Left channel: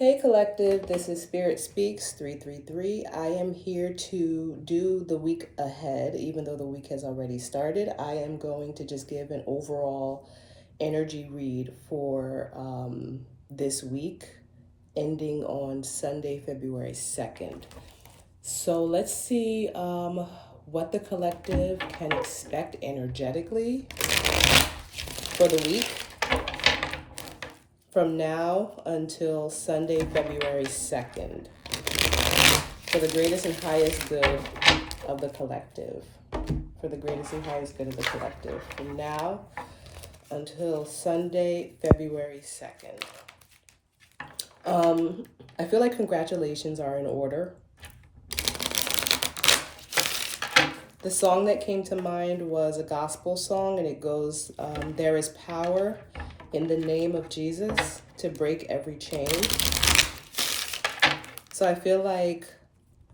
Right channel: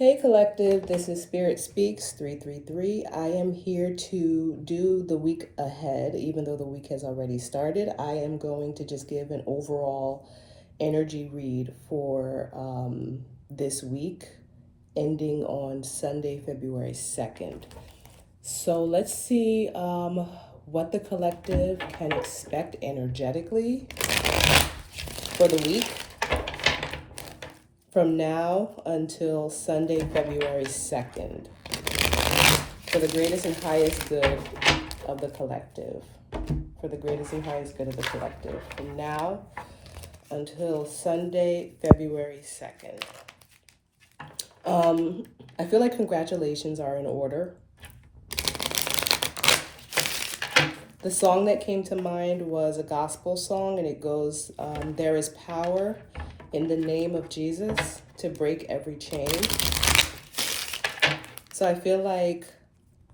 Hey Collective, this is Spirit Speaks 333. I am here to do the week ahead, even though the week has already started. I am going to just give an overall energy read for this week, ending on Sunday, February 2nd. So let's see what the collective can expect energetically for the week from now until Sunday, February 2nd, for the greatest and highest good of the collective. For the greatest and highest good of the collective. From now until Sunday, February 2nd. I feel like congratulations are in order. The song that came to mind was a gospel song, and it goes, there is power in the name of Jesus to break every chain. So I feel like,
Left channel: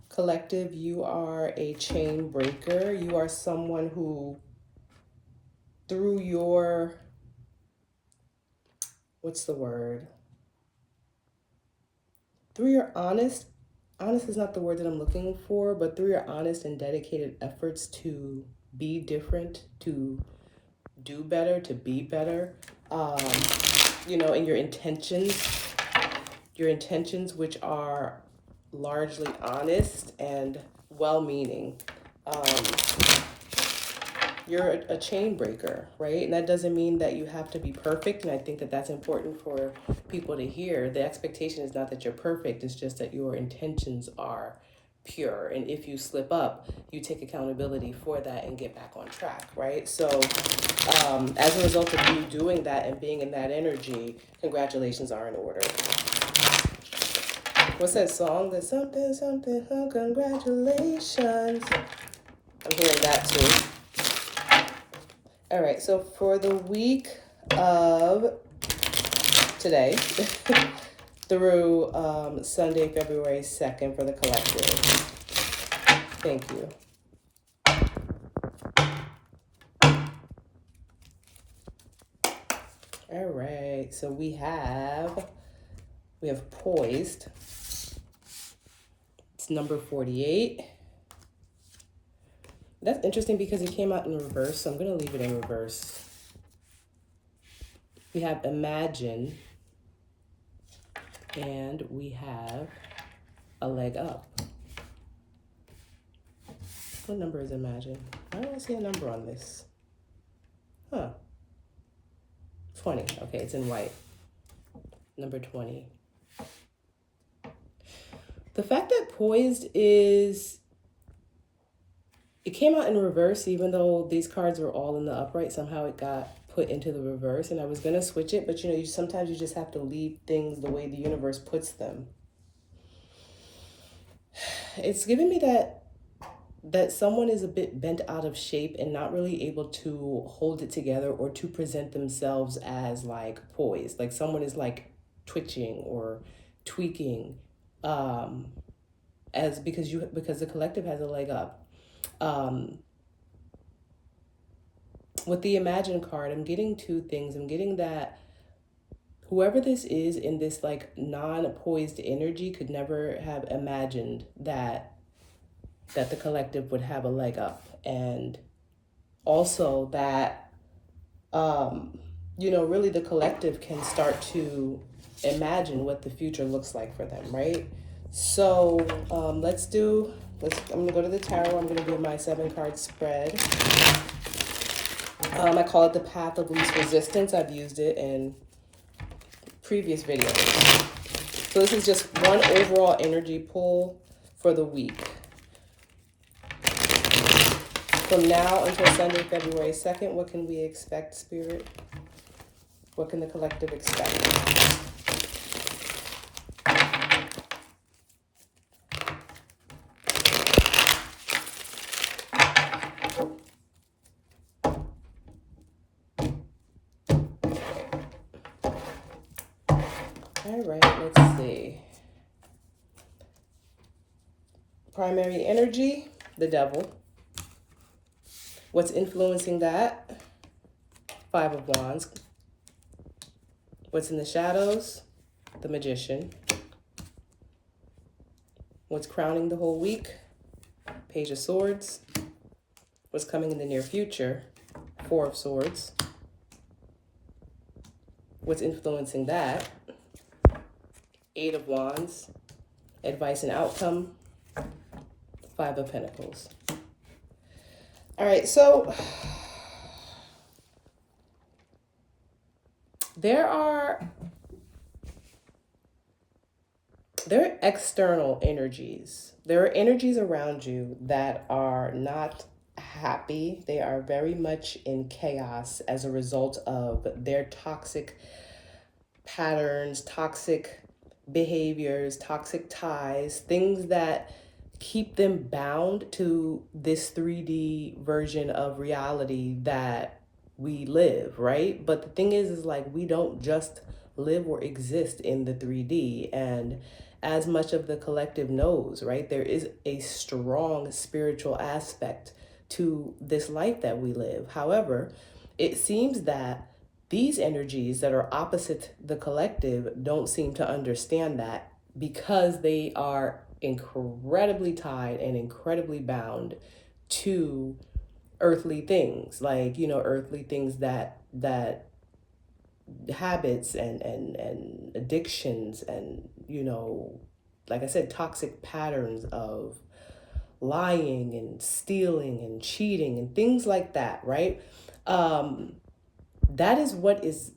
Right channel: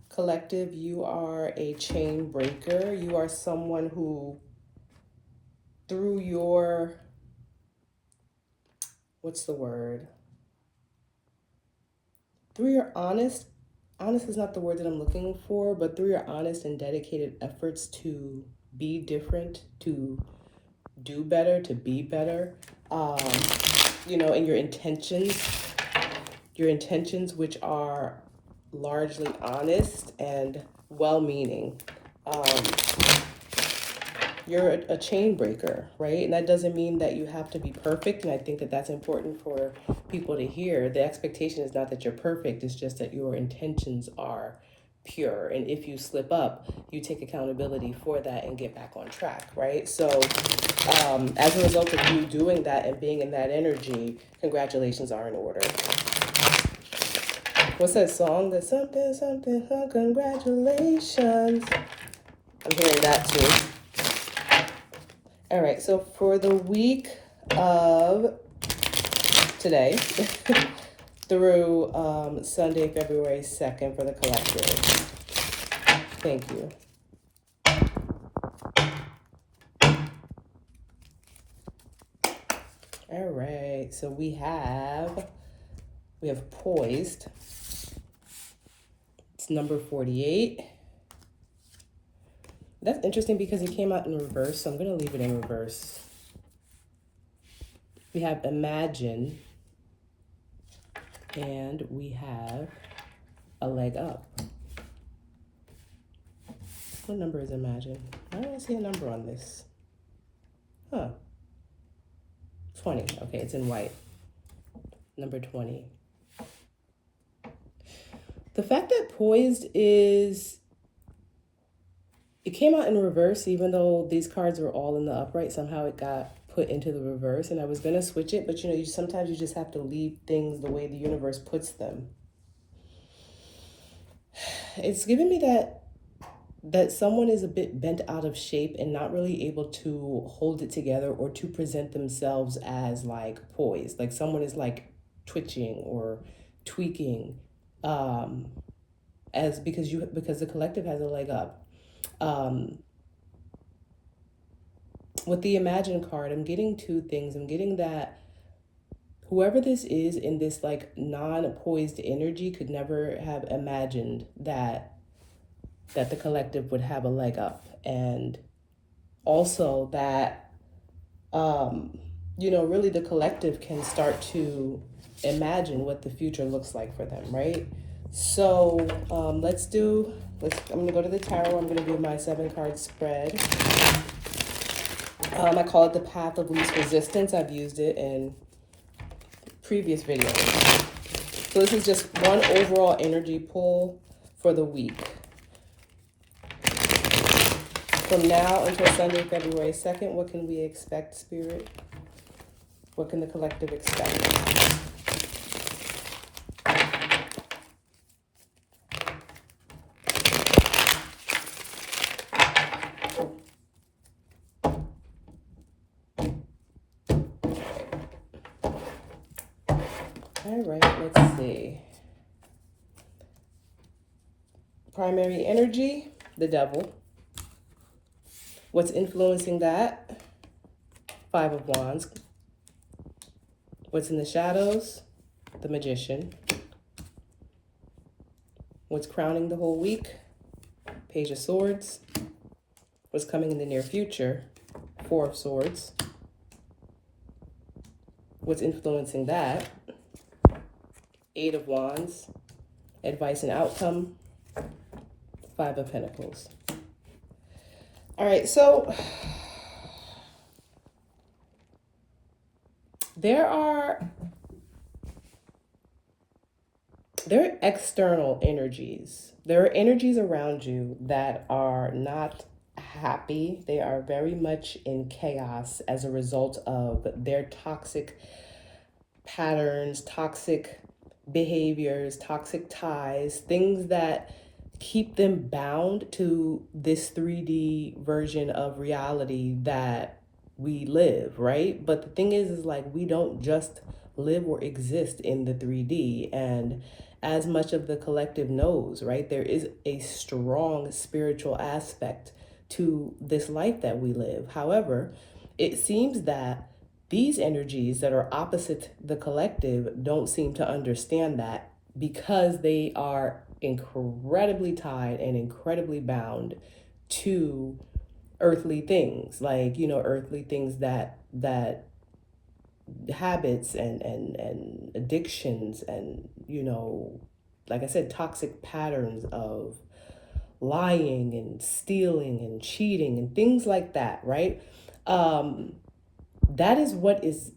collective, you are a chain breaker. You are someone who, through your, through your honest is not the word that I'm looking for, but through your honest and dedicated efforts to be different, to do better, to be better, and your intentions, which are largely honest and well-meaning. You're a chain breaker, right? And that doesn't mean that you have to be perfect. And I think that that's important for people to hear. The expectation is not that you're perfect. It's just that your intentions are pure. And if you slip up, you take accountability for that and get back on track, right? So as a result of you doing that and being in that energy, congratulations are in order. What's that song? There's something, oh, congratulations. I'm hearing that too. All right, so for the week of today through Sunday, February 2nd for the collective. Thank you. All right, so we have poised. It's number 48. That's interesting because it came out in reverse, so I'm going to leave it in reverse. We have imagine, and we have a leg up. What number is imagine? I don't see a number on this. 20. Okay, it's in white. Number 20. The fact that poised is... It came out in reverse, even though these cards were all in the upright. Somehow it got put into the reverse, and I was going to switch it, but sometimes you just have to leave things the way the universe puts them. It's giving me that someone is a bit bent out of shape and not really able to hold it together or to present themselves as like poised. Like someone is like twitching or tweaking, because the collective has a leg up. With the Imagine card, I'm getting two things. I'm getting that whoever this is in this like non-poised energy could never have imagined that the collective would have a leg up. And also that, really the collective can start to imagine what the future looks like for them, right? So I'm going to go to the tarot. I'm going to do my 7-card spread. I call it the path of least resistance. I've used it in previous videos. So this is just one overall energy pull for the week. From now until Sunday, February 2nd, what can we expect, Spirit? What can the collective expect? All right, let's see. Primary energy, the devil. What's influencing that? 5 of Wands. What's in the shadows? The Magician. What's crowning the whole week? Page of Swords. What's coming in the near future? Four of Swords. What's influencing that? Eight of Wands. Advice and outcome. Five of Pentacles. All right, so there are external energies. There are energies around you that are not happy. They are very much in chaos as a result of their toxic patterns, toxic behaviors, toxic ties, things that keep them bound to this 3D version of reality that we live, right? But the thing is like we don't just live or exist in the 3D. And as much of the collective knows, right, there is a strong spiritual aspect to this life that we live. However, it seems that these energies that are opposite the collective don't seem to understand that, because they are incredibly tied and incredibly bound to earthly things, like, you know, earthly things that habits and addictions and, you know, like I said, toxic patterns of lying and stealing and cheating and things like that, right? That is what is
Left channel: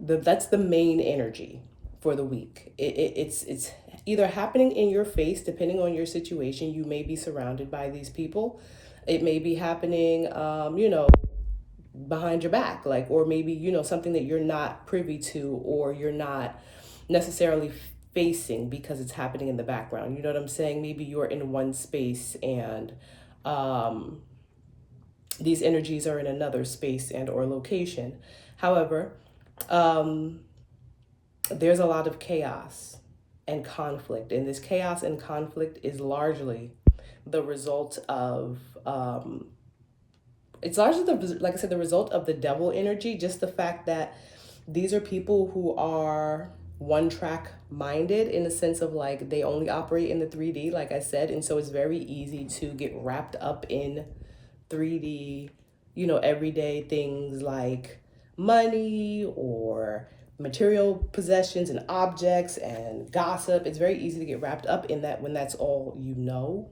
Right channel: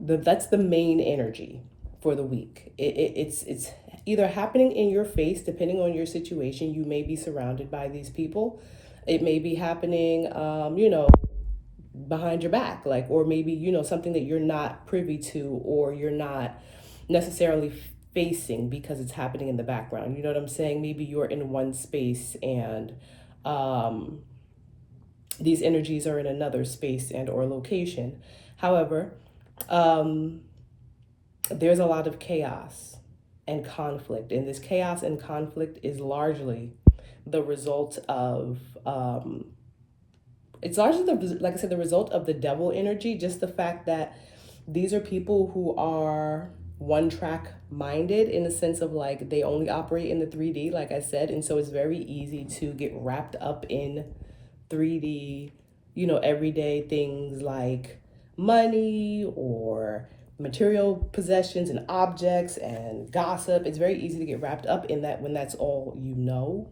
that's the main energy for the week. It's either happening in your face, depending on your situation. You may be surrounded by these people. It may be happening, you know, behind your back, like, or maybe, you know, something that you're not privy to, or you're not necessarily facing because it's happening in the background. You know what I'm saying? Maybe you're in one space and these energies are in another space and or location. However, there's a lot of chaos and conflict, and this chaos and conflict is largely the result of it's largely like I said, the result of the devil energy. Just the fact that these are people who are one track minded, in the sense of like they only operate in the 3D, like I said, and so it's very easy to get wrapped up in 3D, you know, everyday things like money or material possessions and objects and gossip. It's very easy to get wrapped up in that when that's all you know,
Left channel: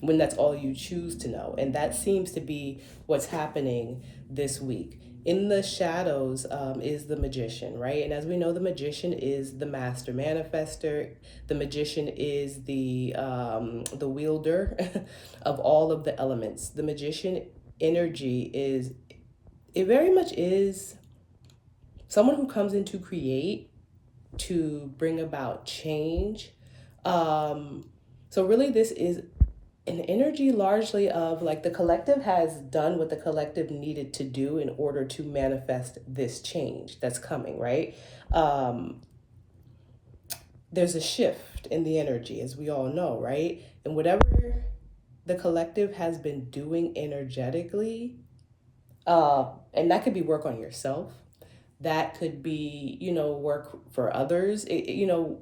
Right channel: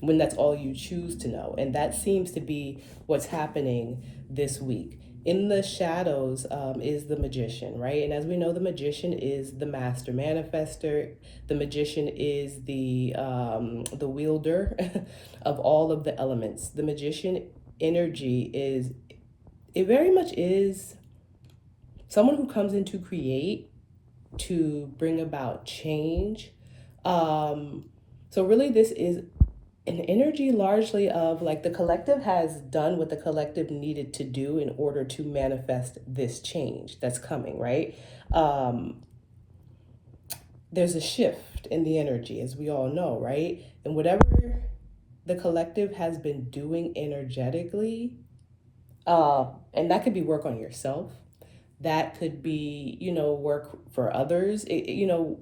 when that's all you choose to know. And that seems to be what's happening this week. In the shadows is the magician, right? And as we know, the magician is the master manifester. The magician is the wielder of all of the elements. The magician energy is, it very much is someone who comes in to create, to bring about change. So really this is an energy largely of like the collective has done what the collective needed to do in order to manifest this change that's coming, right? There's a shift in the energy, as we all know, right? And whatever the collective has been doing energetically, and that could be work on yourself, that could be, you know, work for others. You know,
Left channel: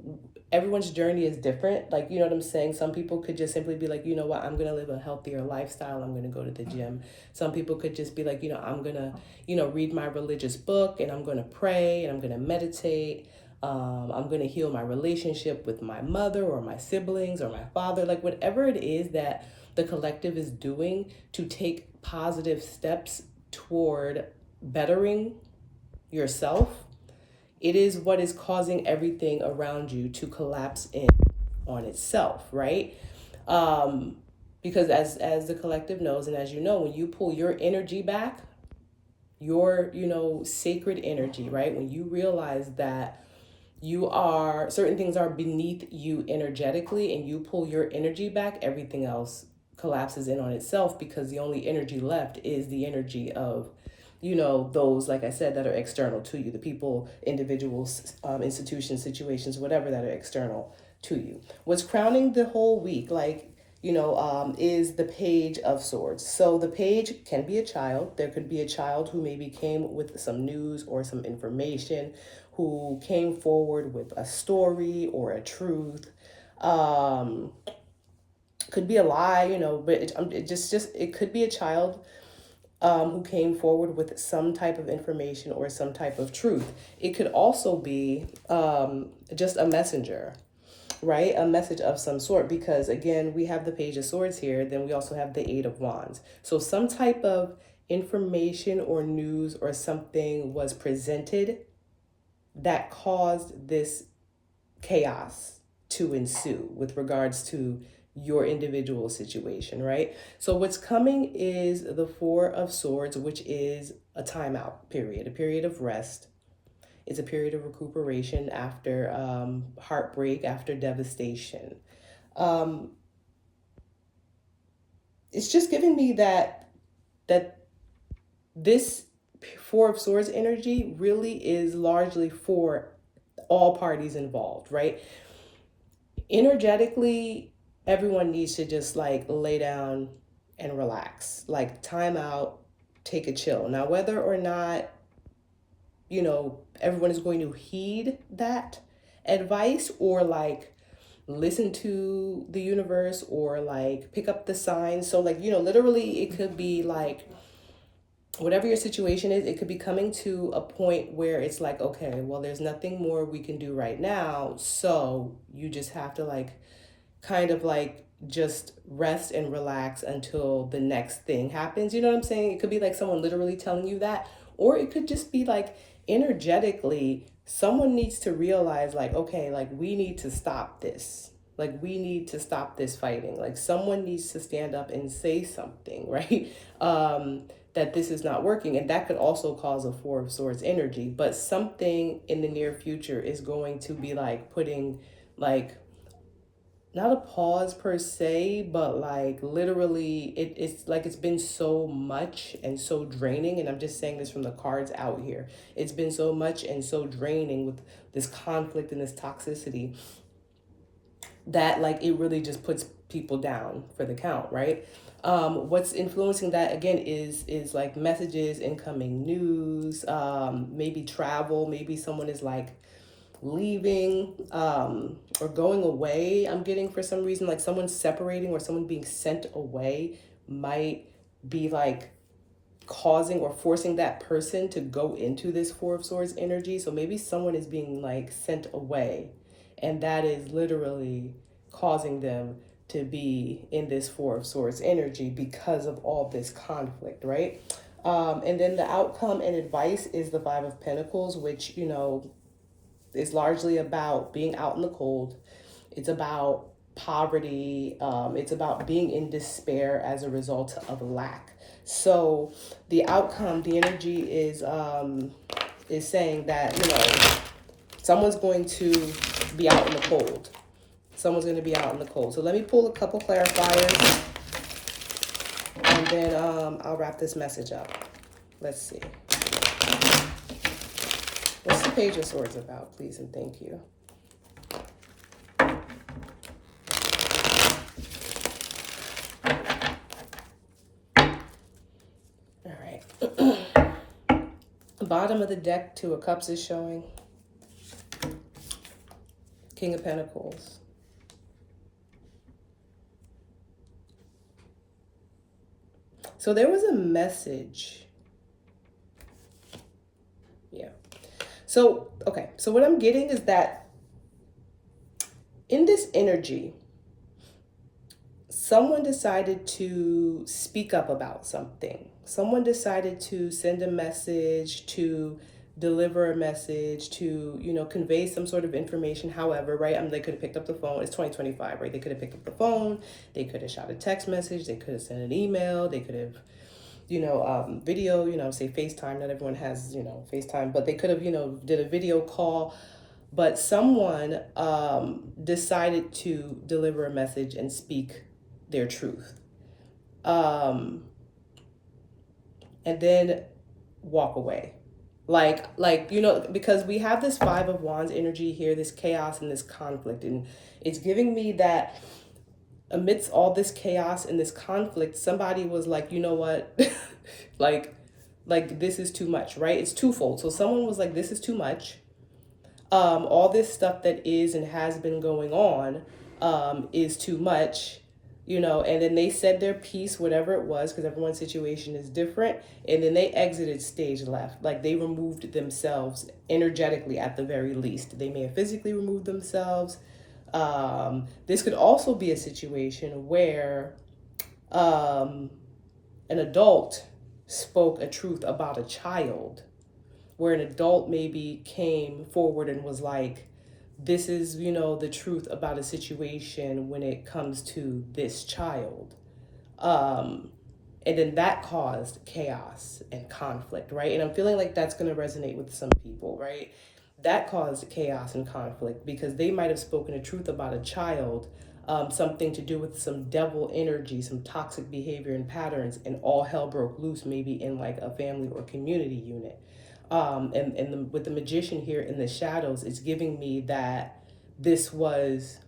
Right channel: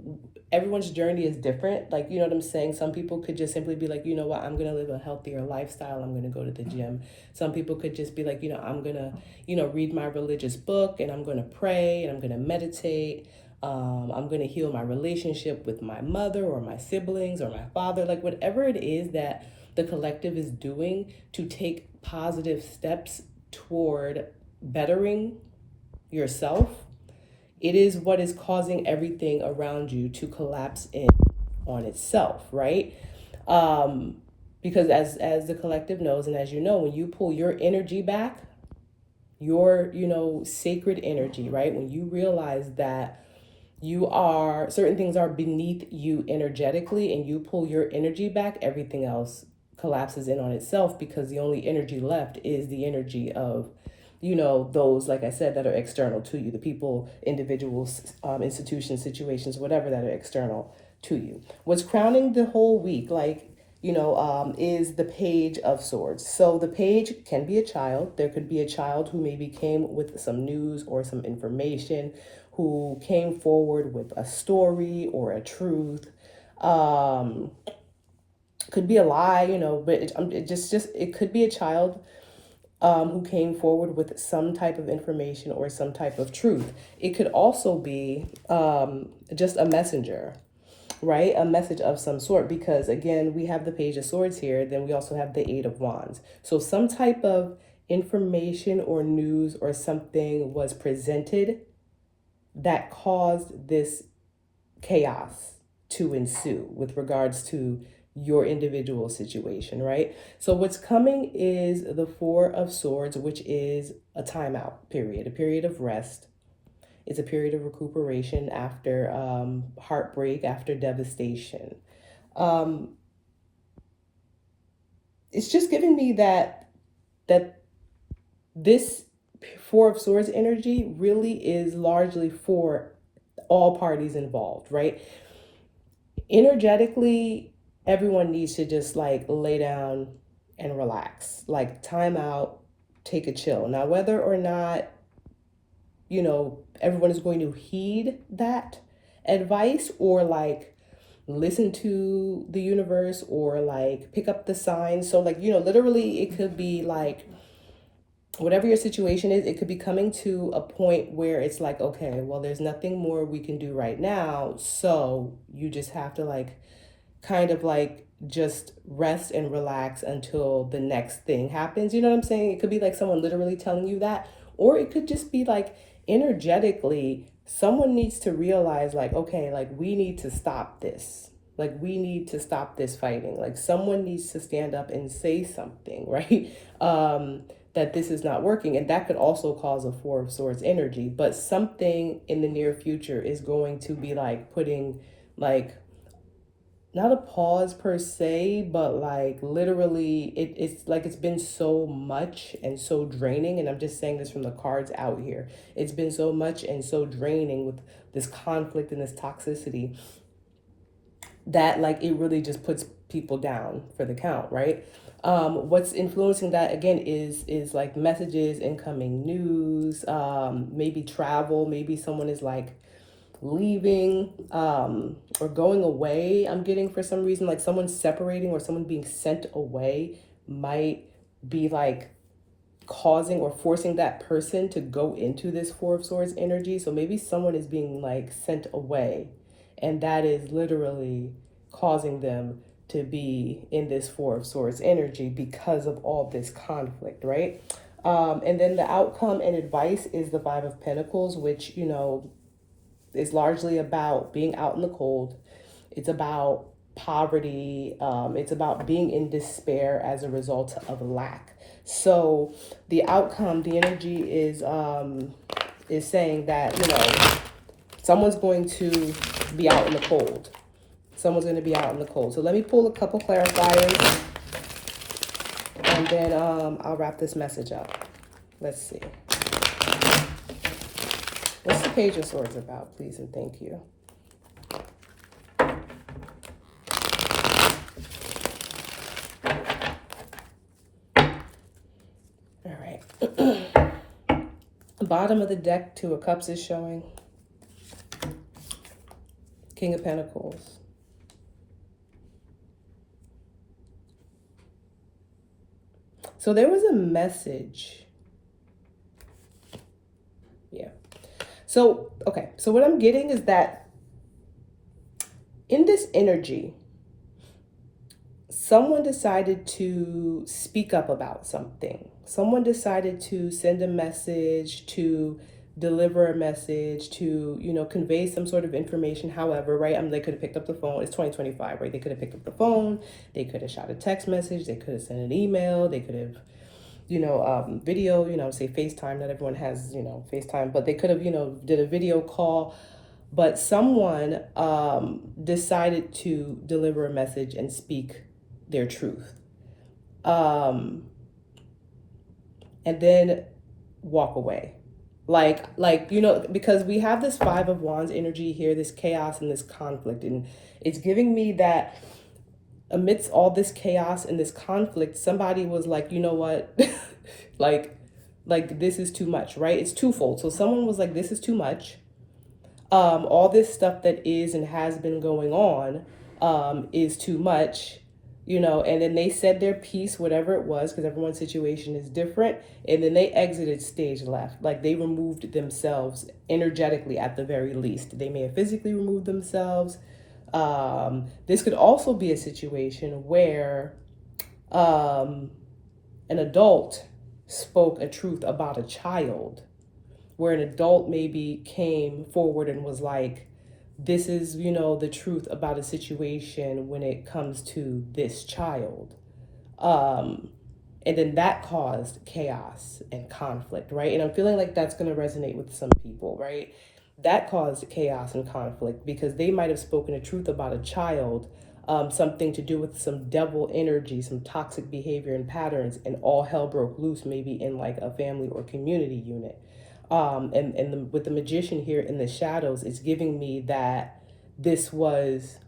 everyone's journey is different. Like, you know what I'm saying? Some people could just simply be like, you know what, I'm going to live a healthier lifestyle. I'm going to go to the gym. Some people could just be like, you know, I'm going to, you know, read my religious book, and I'm going to pray, and I'm going to meditate. I'm going to heal my relationship with my mother or my siblings or my father. Like whatever it is that the collective is doing to take positive steps toward bettering yourself, it is what is causing everything around you to collapse in on itself, right? Because as the collective knows, and as you know, when you pull your energy back, your, you know, sacred energy, right? When you realize that you are, certain things are beneath you energetically, and you pull your energy back, everything else collapses in on itself, because the only energy left is the energy of, you know, those, like I said, that are external to you, the people, individuals, institutions, situations, whatever, that are external to you. What's crowning the whole week, like, you know, is the Page of Swords. So the page can be a child. There could be a child who maybe came with some news or some information, who came forward with a story or a truth. Could be a lie, but it could be a child who came forward with some type of information or some type of truth. It could also be just a messenger, right? A message of some sort, because again, we have the Page of Swords here, then we also have the Eight of Wands. So some type of information or news or something was presented that caused this chaos to ensue with regards to your individual situation, right? So what's coming is the Four of Swords, which is a timeout period, a period of rest. It's a period of recuperation after heartbreak, after devastation. It's just giving me that this Four of Swords energy really is largely for all parties involved, right? Energetically, everyone needs to just like lay down and relax, like time out, take a chill. Now, whether or not, everyone is going to heed that advice or like listen to the universe or like pick up the signs. So like, literally it could be like, whatever your situation is, it could be coming to a point where it's like, okay, well, there's nothing more we can do right now. So you just have to like, kind of like just rest and relax until the next thing happens. You know what I'm saying? It could be like someone literally telling you that, or it could just be like energetically, someone needs to realize like, okay, like we need to stop this. Like we need to stop this fighting. Like someone needs to stand up and say something, right? That this is not working. And that could also cause a Four of Swords energy. But something in the near future is going to be like putting like, not a pause per se, but like literally it's like it's been so much and so draining. And I'm just saying this from the cards out here. It's been so much and so draining with this conflict and this toxicity that like it really just puts people down for the count, right? What's influencing that again is like messages, incoming news, maybe travel, maybe someone is like leaving or going away. I'm getting for some reason like someone separating or someone being sent away might be like causing or forcing that person to go into this Four of Swords energy. So maybe someone is being like sent away, and that is literally causing them to be in this Four of Swords energy because of all this conflict, right? And then the outcome and advice is the Five of Pentacles, which, is largely about being out in the cold. It's about poverty. It's about being in despair as a result of lack. So the outcome, the energy is saying that, someone's going to be out in the cold. Someone's going to be out in the cold. So let me pull a couple clarifiers, and then I'll wrap this message up. Let's see. What's the Page of Swords about, please and thank you? All right. Bottom of the deck, Two of Cups is showing. King of Pentacles. So there was a message. Yeah. So, okay. So what I'm getting is that in this energy, someone decided to speak up about something. Someone decided to send a message, to deliver a message, to, convey some sort of information. However, right, they could have picked up the phone. It's 2025, right? They could have picked up the phone. They could have shot a text message. They could have sent an email. They could have, video, say FaceTime. Not everyone has, FaceTime, but they could have, did a video call. But someone decided to deliver a message and speak their truth. And then walk away. Because we have this Five of Wands energy here, this chaos and this conflict. And it's giving me that amidst all this chaos and this conflict, somebody was like, you know what? like this is too much, right? It's twofold. So someone was like, this is too much. All this stuff that is and has been going on, is too much, and then they said their piece, whatever it was, because everyone's situation is different. And then they exited stage left. Like they removed themselves energetically at the very least. They may have physically removed themselves. This could also be a situation where an adult spoke a truth about a child, where an adult maybe came forward and was like, this is, the truth about a situation when it comes to this child. And then that caused chaos and conflict, right? And I'm feeling like that's going to resonate with some people, right? That caused chaos and conflict because they might have spoken a truth about a child, something to do with some devil energy, some toxic behavior and patterns, and all hell broke loose, maybe in like a family or community unit. With the magician here in the shadows, it's giving me that this was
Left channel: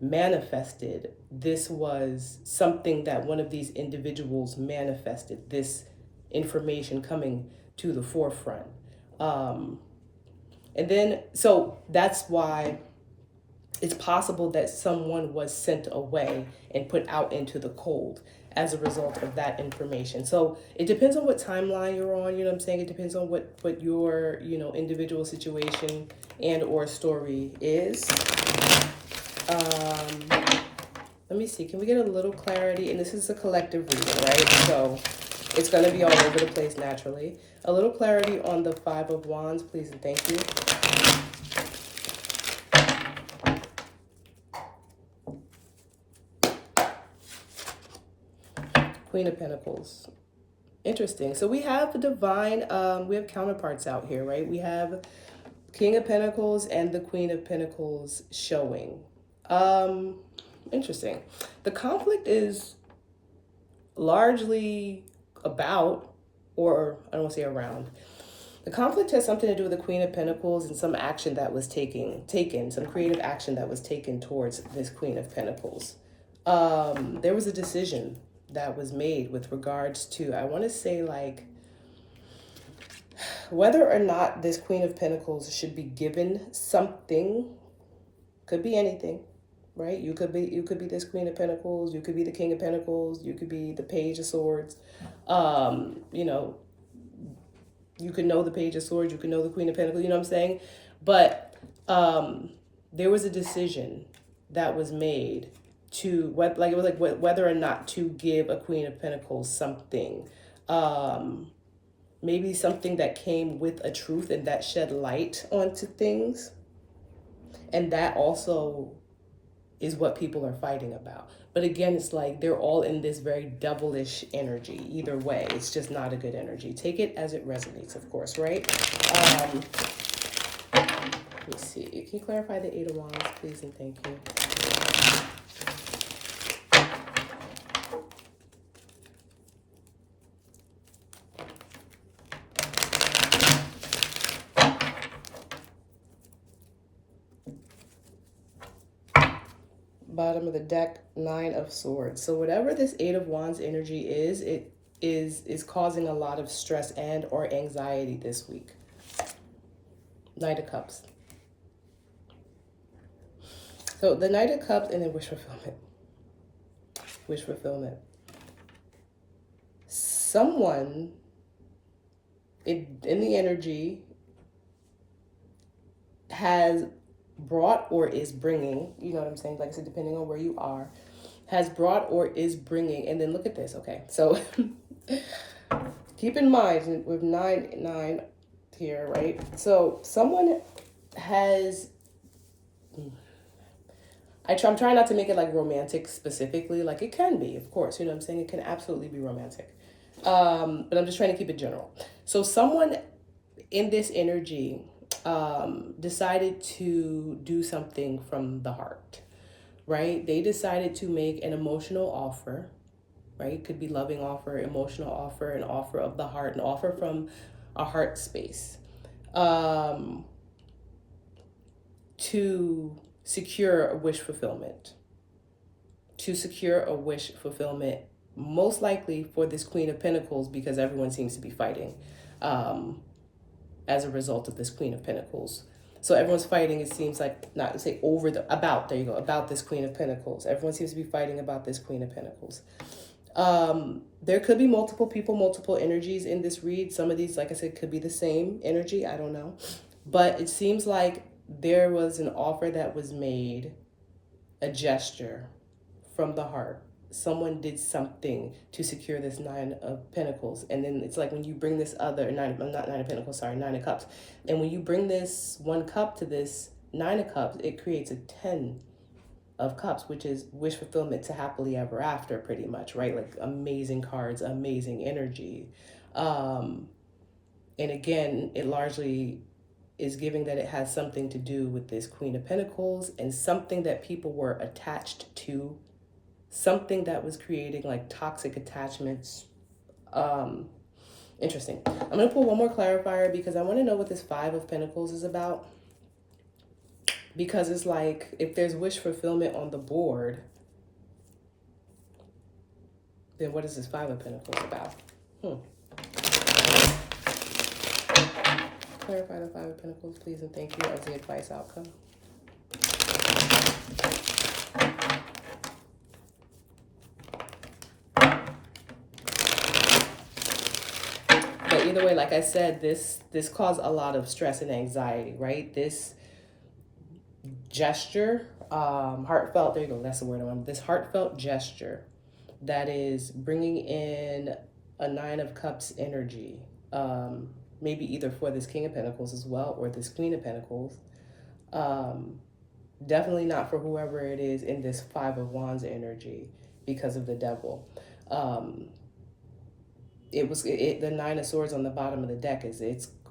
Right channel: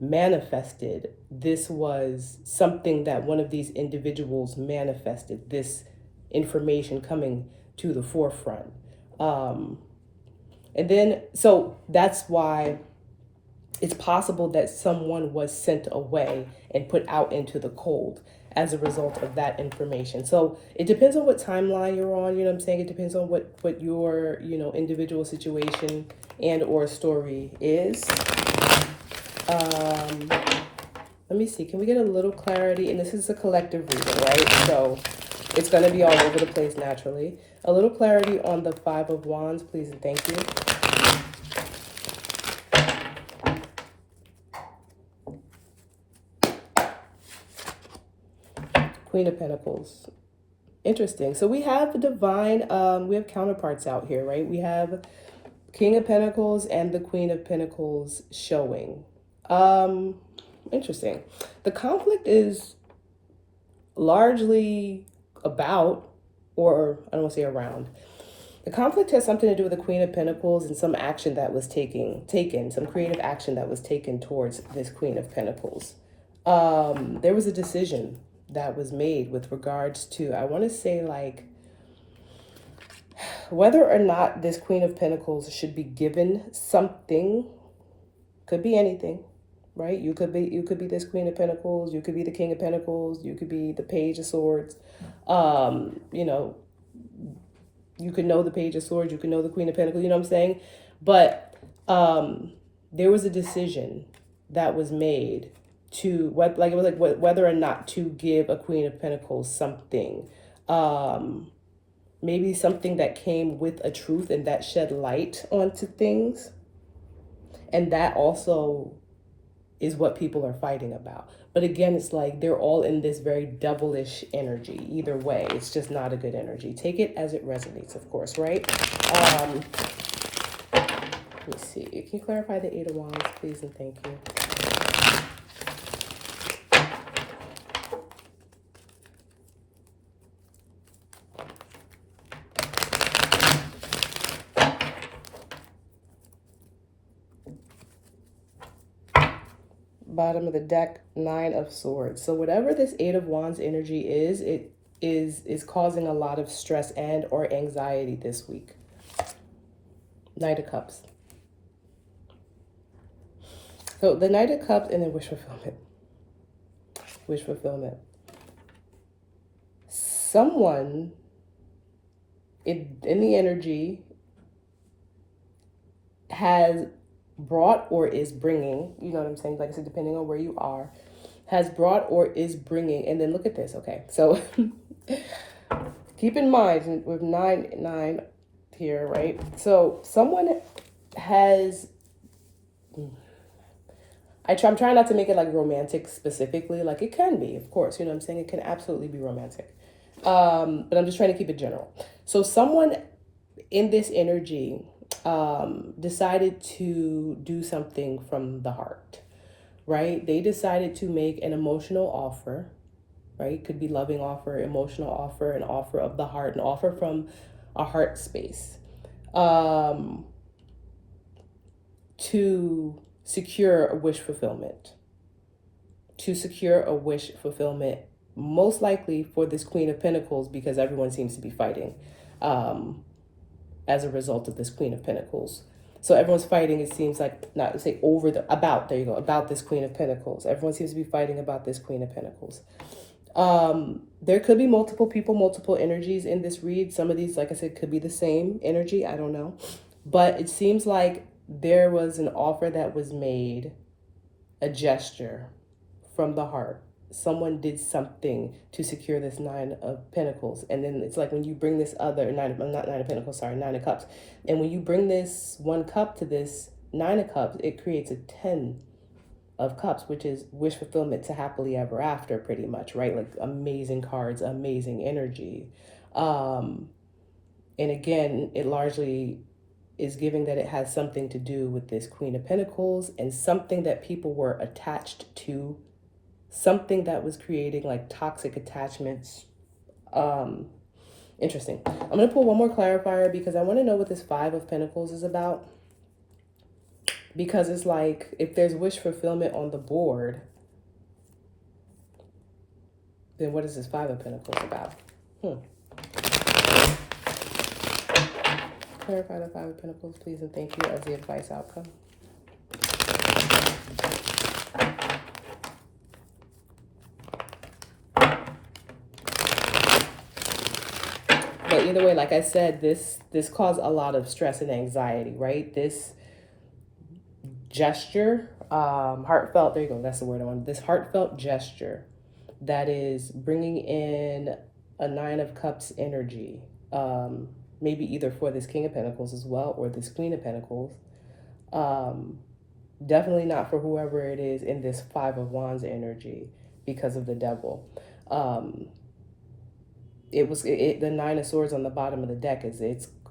manifested. This was something that one of these individuals manifested, this information coming to the forefront. So that's why it's possible that someone was sent away and put out into the cold as a result of that information. So it depends on what timeline you're on, you know what I'm saying? It depends on what your, individual situation and or story is. Let me see, can we get a little clarity? And this is a collective reading, right? So it's going to be all over the place naturally. A little clarity on the Five of Wands, please and thank you. Queen of Pentacles. Interesting. So we have the divine, we have counterparts out here, right? We have King of Pentacles and the Queen of Pentacles showing. Interesting. The conflict is largely about, or I don't want to say around. The conflict has something to do with the Queen of Pentacles and some action that was taken, some creative action that was taken towards this Queen of Pentacles. There was a decision that was made with regards to, I want to say like, whether or not this Queen of Pentacles should be given something. Could be anything, right? You could be this Queen of Pentacles, you could be the King of Pentacles, you could be the Page of Swords. You could know the Page of Swords, you could know the Queen of Pentacles, you know what I'm saying? But there was a decision that was made to whether or not to give a Queen of Pentacles something. Maybe something that came with a truth and that shed light onto things. And that also is what people are fighting about. But again, it's like they're all in this very devilish energy. Either way, it's just not a good energy. Take it as it resonates, of course, right? Let me see. Can you clarify the Eight of Wands, please, and thank you. Bottom of the deck, Nine of Swords. So whatever this Eight of Wands energy is, it is causing a lot of stress and or anxiety this week. Knight of Cups. So the Knight of Cups and then wish fulfillment. Wish fulfillment. Someone in the energy has brought or is bringing, you know what I'm saying? Like I said, depending on where you are, has brought or is bringing. And then look at this. Okay. So keep in mind with nine here, right? So someone has, I'm trying not to make it like romantic specifically. Like it can be, of course, you know what I'm saying? It can absolutely be romantic. But I'm just trying to keep it general. So someone in this energy decided to do something from the heart, right? They decided to make an emotional offer, right? Could be loving offer, emotional offer, an offer of the heart, an offer from a heart space, to secure a wish fulfillment, most likely for this Queen of Pentacles, because everyone seems to be fighting as a result of this Queen of Pentacles. So everyone's fighting, it seems like, not to say over the, about, there you go, about this Queen of Pentacles. Everyone seems to be fighting about this Queen of Pentacles. There could be multiple people, multiple energies in this read. Some of these, like I said, could be the same energy. I don't know. But it seems like there was an offer that was made, a gesture from the heart. Someone did something to secure this Nine of Pentacles. And then it's like when you bring this other, not Nine of Pentacles, sorry, Nine of Cups. And when you bring this one cup to this Nine of Cups, it creates a 10 of Cups, which is wish fulfillment to happily ever after, pretty much, right? Like amazing cards, amazing energy. And again, it largely is giving that it has something to do with this Queen of Pentacles and something that people were attached to, something that was creating like toxic attachments. Interesting. I'm going to pull one more clarifier because I want to know what this Five of Pentacles is about. Because it's like, if there's wish fulfillment on the board, then what is this Five of Pentacles about? Clarify the Five of Pentacles, please, and thank you as the advice outcome. But either way, like I said, this caused a lot of stress and anxiety, right? This gesture, heartfelt, there you go, that's the word I want. This heartfelt gesture that is bringing in a Nine of Cups energy, maybe either for this King of Pentacles as well or this Queen of Pentacles. Definitely not for whoever it is in this Five of Wands energy because of the Devil. The Nine of Swords on the bottom of the deck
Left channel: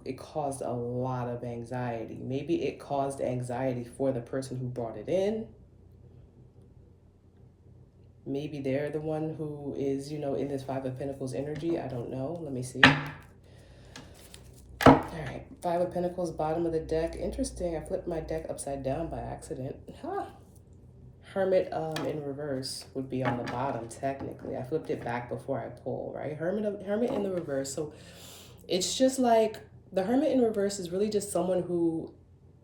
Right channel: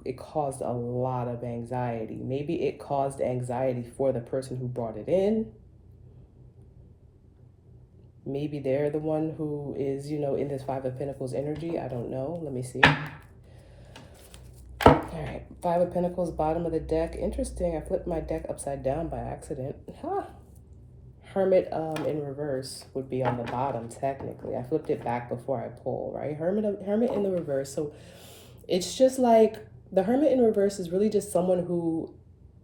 it caused a lot of anxiety. Maybe it caused anxiety for the person who brought it in. Maybe they're the one who is, in this Five of Pentacles energy. I don't know. Let me see. All right. Five of Pentacles, bottom of the deck. Interesting. I flipped my deck upside down by accident. Huh. Hermit in reverse would be on the bottom, technically. I flipped it back before I pull, right? Hermit in the reverse. So it's just like the Hermit in reverse is really just someone who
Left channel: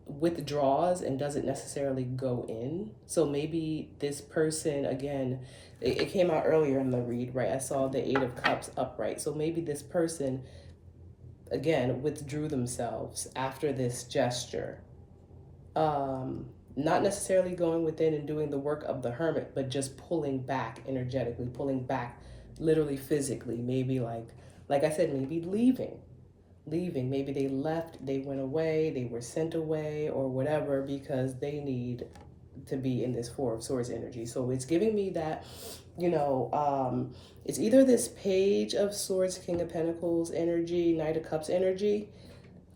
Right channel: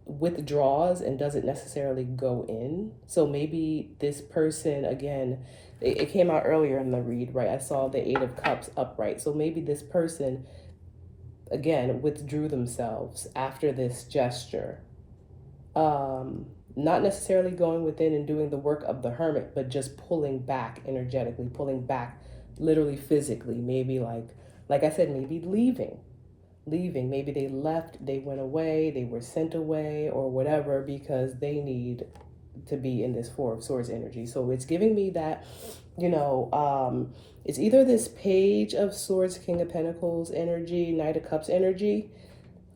withdraws and doesn't necessarily go in. So maybe this person, again, it came out earlier in the read, right? I saw the Eight of Cups upright. So maybe this person, again, withdrew themselves after this gesture. Not necessarily going within and doing the work of the Hermit, but just pulling back energetically, pulling back literally physically. Maybe like I said, maybe leaving. Maybe they left, they went away, they were sent away or whatever because they need to be in this Four of Swords energy. So it's giving me that, it's either this Page of Swords, King of Pentacles energy, Knight of Cups energy,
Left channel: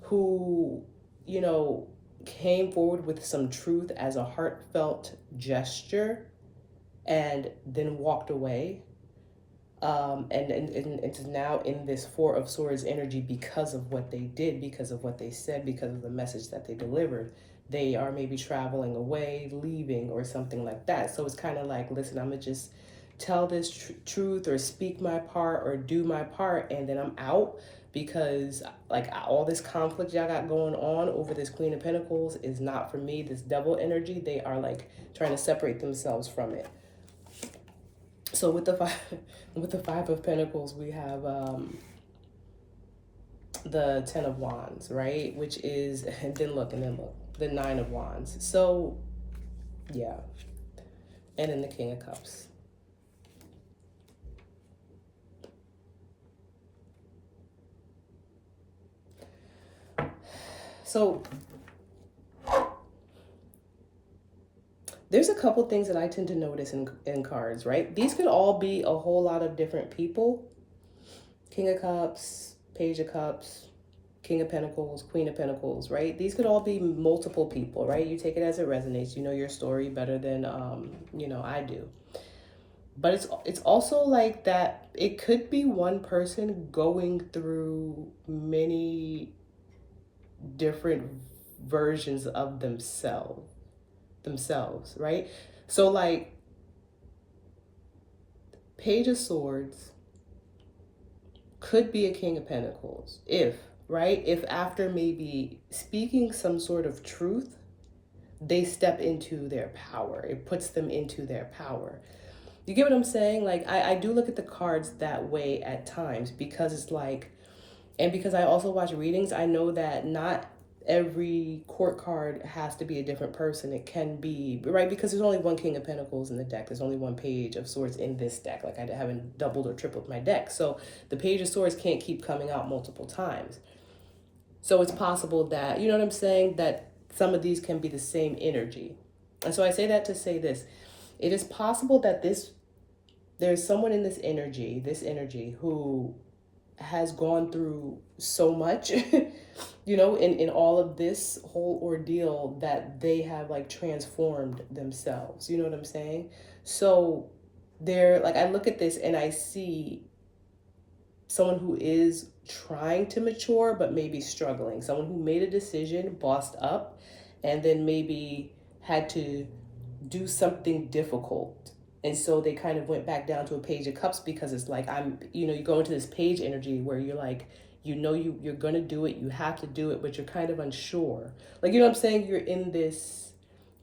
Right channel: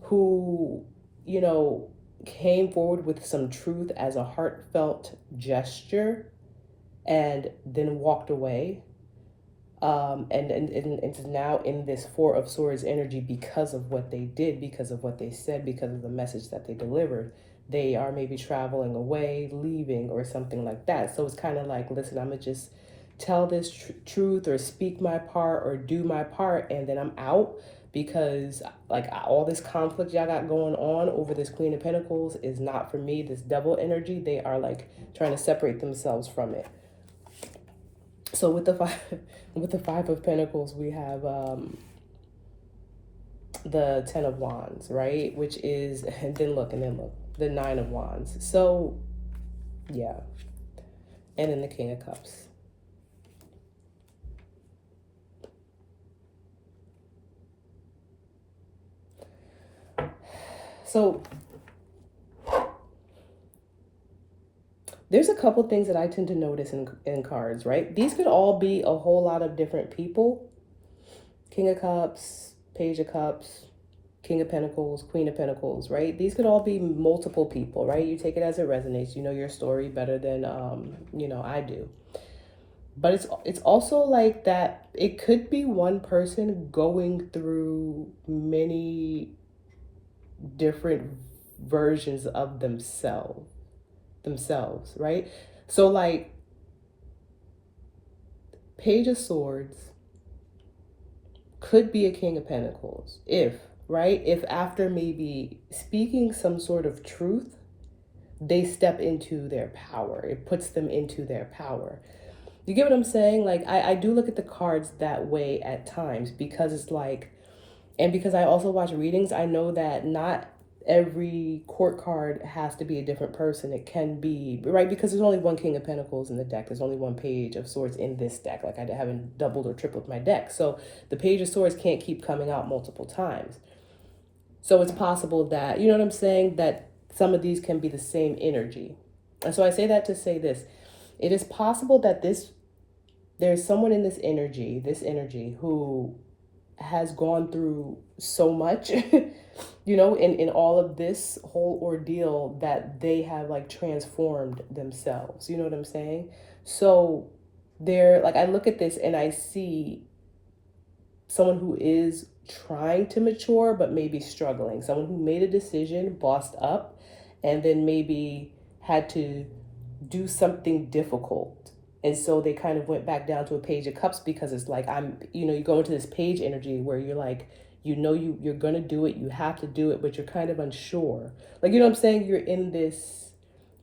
who, came forward with some truth as a heartfelt gesture and then walked away. And it's now in this Four of Swords energy because of what they did, because of what they said, because of the message that they delivered. They are maybe traveling away, leaving, or something like that. So it's kind of like, listen, I'm going to just tell this truth or speak my part or do my part, and then I'm out. Because like all this conflict y'all got going on over this Queen of Pentacles is not for me. This Devil energy, they are like trying to separate themselves from it. So with the Five of Pentacles, we have the Ten of Wands, right? Which is, and then look, the Nine of Wands. So yeah, and then the King of Cups. So there's a couple things that I tend to notice in cards, right? These could all be a whole lot of different people. King of Cups, Page of Cups, King of Pentacles, Queen of Pentacles, right? These could all be multiple people, right? You take it as it resonates. You know your story better than, I do. But it's also like that it could be one person going through many different versions of themselves, right? So like Page of Swords could be a King of Pentacles if right? If after maybe speaking some sort of truth, they step into their power, it puts them into their power. You get what I'm saying? Like, I do look at the cards that way at times, because it's like, and because I also watch readings, I know that not every court card has to be a different person. It can be, right? Because there's only one King of Pentacles in the deck. There's only one Page of Swords in this deck. Like, I haven't doubled or tripled my deck. So the Page of Swords can't keep coming out multiple times. So it's possible that, you know what I'm saying, that some of these can be the same energy. And so I say that to say this. It is possible that there's someone in this energy who has gone through so much, you know, in all of this whole ordeal, that they have like transformed themselves. You know what I'm saying? So they're like, I look at this and I see someone who is trying to mature, but maybe struggling. Someone who made a decision, bossed up, and then maybe had to do something difficult. And so they kind of went back down to a Page of Cups, because it's like, you go into this page energy where you're like, you're going to do it. You have to do it, but you're kind of unsure. Like, you know what I'm saying? You're in this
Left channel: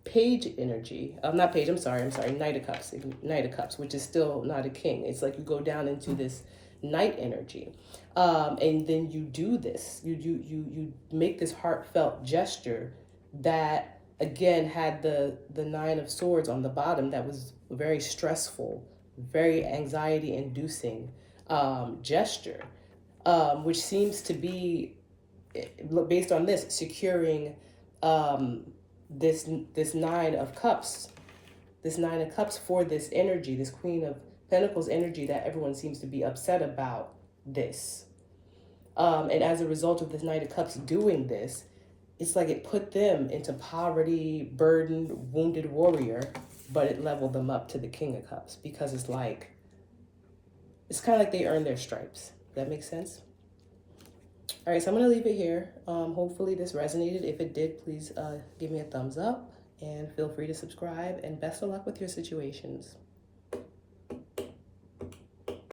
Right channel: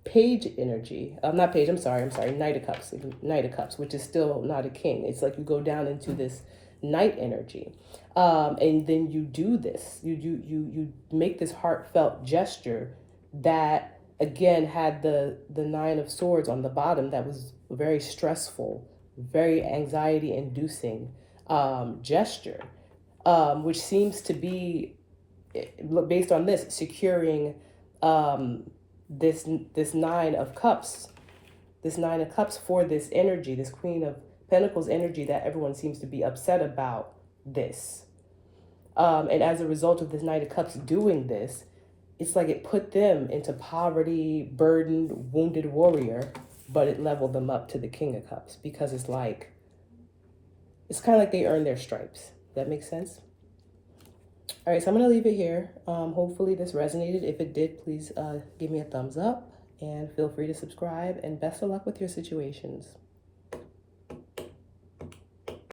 Page energy. Not Page, I'm sorry. Knight of Cups. Knight of Cups, which is still not a king. It's like you go down into this Knight energy. And then you do this. You make this heartfelt gesture that, again, had the Nine of Swords on the bottom. That was very stressful, very anxiety inducing gesture, which seems to be, based on this, securing this Nine of Cups, for this energy, this Queen of Pentacles energy, that everyone seems to be upset about this. And as a result of this Knight of Cups doing this, it's like it put them into poverty, burdened, wounded warrior, but it leveled them up to the King of Cups, because it's like, it's kind of like they earned their stripes. That makes sense? All right, so I'm going to leave it here. Hopefully this resonated. If it did, please give me a thumbs up and feel free to subscribe, and best of luck with your situations.